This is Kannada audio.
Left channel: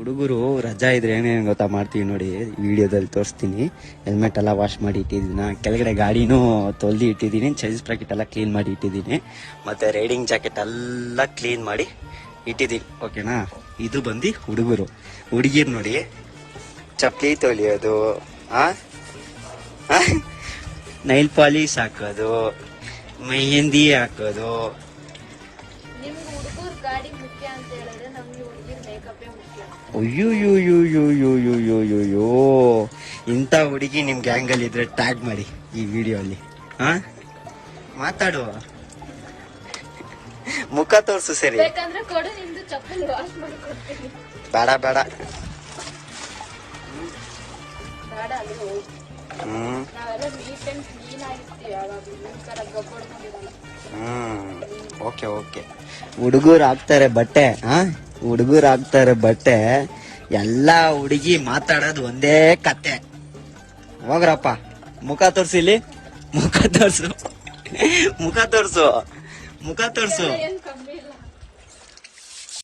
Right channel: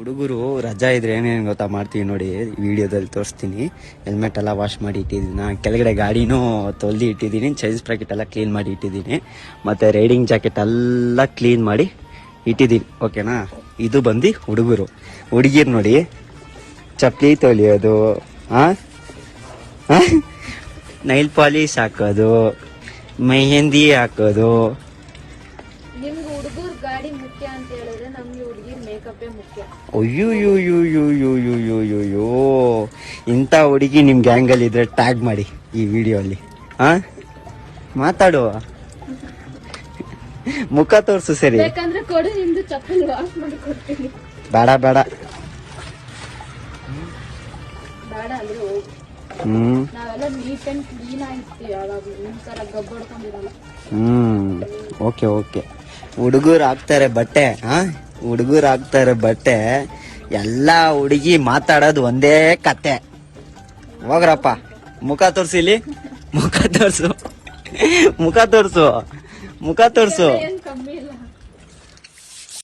ಹುಡುಗರು ರಜಾ ಇದ್ರೆ ಏನೇನು ಗೊತ್ತಾ ಮಾಡ್ತೀವಿ ನೋಡಿ, ವಿಡಿಯೋದಲ್ಲಿ ತೋರಿಸ್ತೀನಿ. ಹೆಲ್ಮೆಟ್ ಎಲ್ಲ ವಾಶ್ ಮಾಡಿ ಇಟ್ಟಿದ್ದೀನಿ, ಕೆಳಗಡೆ ಗಾಡಿನೂ ತೊಳ್ದಿ ಇಟ್ಟಿದ್ದೀನಿ, ಚೈಸ್ ಪ್ಯಾಕೆಟ್ ಎಲ್ಲ ಕ್ಲೀನ್ ಮಾಡಿ ಇಟ್ಟಿದ್ದೀನಿ, ಮತ್ತೆ ರೈಡಿಂಗ್ ಜಾಕೆಟ್ ಎಲ್ಲ ಕ್ಲೀನ್ ಮಾಡಿ ಇಟ್ಟಿದ್ದೀನಿ. ಓಕೆನಾ? ಇದು ಬಂದು ಹುಡುಗರು. ಹುಡುಗಿರು ನೋಡಿ, ಚಪ್ಪಲಿ ತೊಳಿಯೋದು, ನೈಲ್ ಪಾಲಿಶ್ ಹಾಕೋದು, ಮೆಹಂದಿ ಹಾಕೋದು. ಇಂಥ ಹುಡುಗಿ ನಿಮ್ ಗ್ಯಾಂಗ್ ಅಲ್ಲಿ ಇದ್ರೆ ಟ್ಯಾಗ್ ಮಾಡಿ ಈ ವಿಡಿಯೋಲಿ. ಮಾತಾಡುವ, ಮುಖ ತೋರ್ಸು. ಸರಿ, ಬೇಡ ಬೇಡ. Okay okay. ಹುಡುಗರು ಹಾಕ್ತಾರೆ ಬಟ್ಟೆ, ಹುಡುಗರು ಹಾಕ್ತಾರೆ ಬಟ್ಟೆ, ಎಲ್ಲಾ ಹುಡುಗಿ ಮಾತಾಡೋದು ಒಂದೇ ಕತೆ. ಹೋಗ್ರಪ್ಪ, ಮುಖ ತೋರ್ಸಿಲಿ, ಮುಖ ತೋರ್ಸು, ಮುಖ ತೋರ್ಸು, ಮುಖ ತೋರ್ಸು.